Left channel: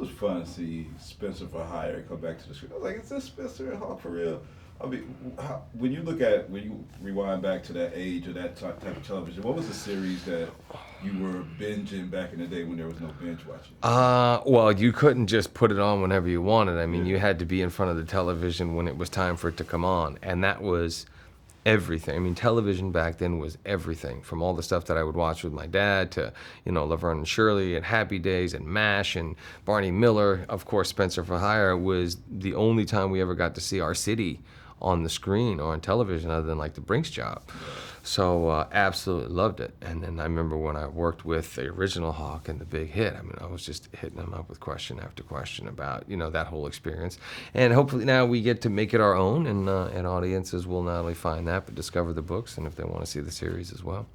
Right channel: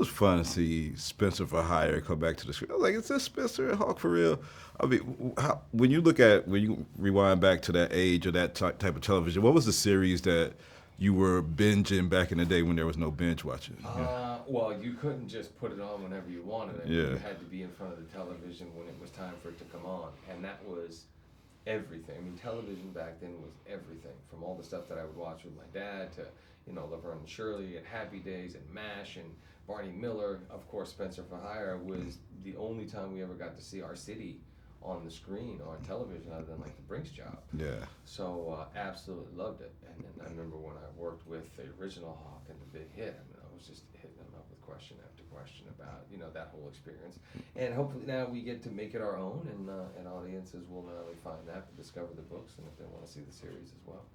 was fun to see Spencer for Hire come back to the screen. I was like, is this Spencer and Hawk for real? I mean, when you rewind back to that age or that type of television, what was the series that you were binging back in the day when there was no binge watching? Well, you couldn't just put it on whenever you wanted. I mean, Yeah. you had to be in front of the television when it was time for it to come on, and that was everything. I mean, television back then was everything, from all the stuff that I would watch with my dad to, Laverne and Shirley and Happy Days and MASH and Barney Miller. Of course, Spencer for Hire was the only time we ever got to see our city on the screen or on television other than like the Brinks job. Yeah. So absolutely loved it. And then I remember when I worked with the original Hawk and the Big Hit, I mean, I was just hitting him up with question after question about, that whole experience. And hopefully now we get to make it our own, and audiences will not only find that, but discover the books, and if they want to see the series as well.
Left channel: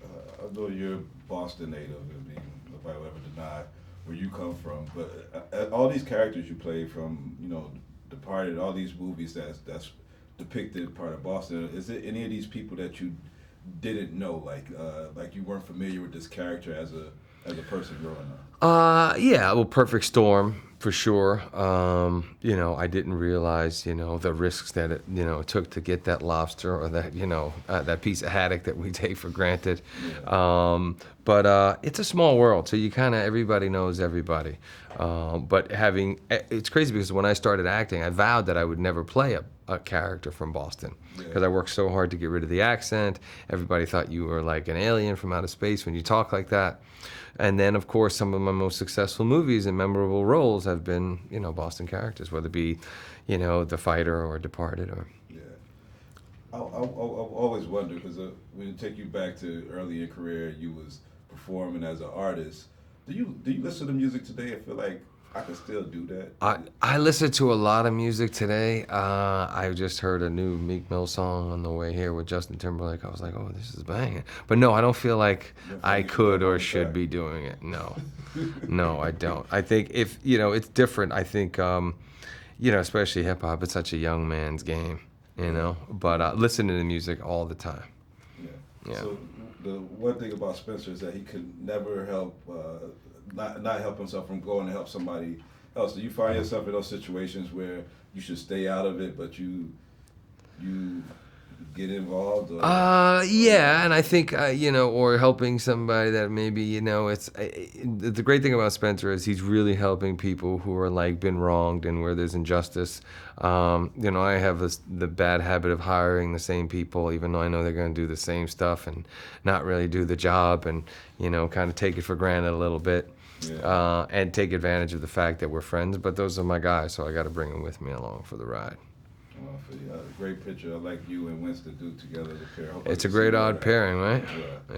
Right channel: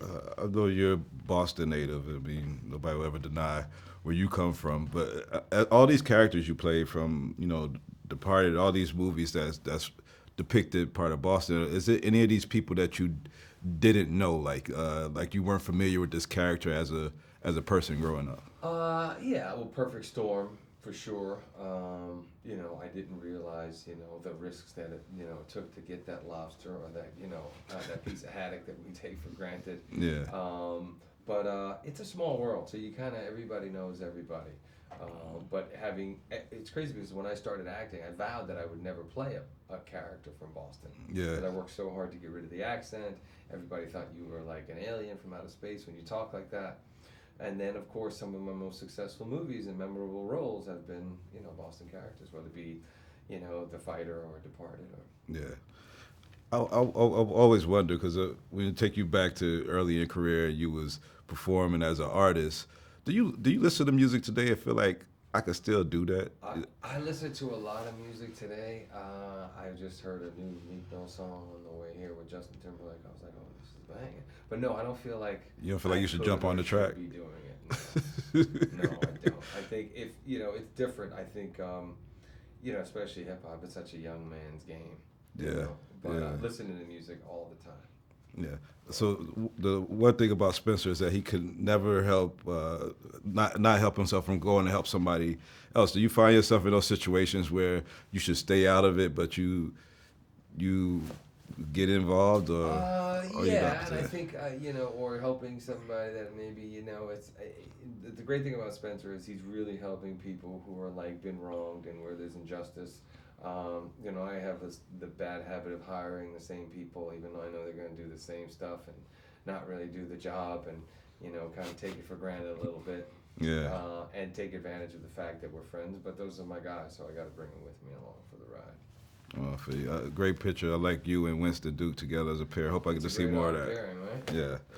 I know you're Boston native. I mean, nobody will ever deny where you come from. But all these characters you played from, Departed, all these movies that's depicted part of Boston. Is it any of these people that you didn't know, like you weren't familiar with this character as a person growing up? Yeah, well, Perfect Storm for sure. I didn't realize, the risks that it took to get that lobster or that, that piece of haddock that we take for granted. Yeah. But it's a small world, so you kind of, everybody knows everybody. But it's crazy because when I started acting, I vowed that I would never play a character from Boston, because I worked so hard to get rid of the accent. Everybody thought you were like an alien from outer space when you talk like that. And then, of course, some of my most successful movies and memorable roles have been, Boston characters, whether it be, The Fighter or Departed or. Yeah. I always wonder, because when you take you back to early in your career, you was performing as an artist. Do you listen to music today and feel like I could still do that? I listen to a lot of music today. I just heard a new Meek Mill song on the way here with Justin Timberlake. I was like, oh, this is banging. But no, I don't feel like I could or should be doing it. No, no, I don't. I think if, it's different. I think, especially hip hop, it's such a young man's game, but listening to music all the time. Yeah. Yeah. So the one thing about Spencer is that he could never help, not help himself from going to help somebody else. Do you find yourself in those situations where you should stay out of it, but you get involved? Or yeah, and I think, or helping somebody that maybe, it's the great thing about Spencer is he's really helping people who are like been wronged and where there's injustice. I have the bad habit of hiring the same people, even though I know they're going to do the same stuff and not really do the job, and, kind of take it for granted a little bit. Yeah. And take advantage of the fact that we're friends, but those are my guys, so I got to bring them with me along for the ride. Oh, great picture. I like you and Winston Duke together as a pair. Hope It's a great odd pairing, right? Yeah.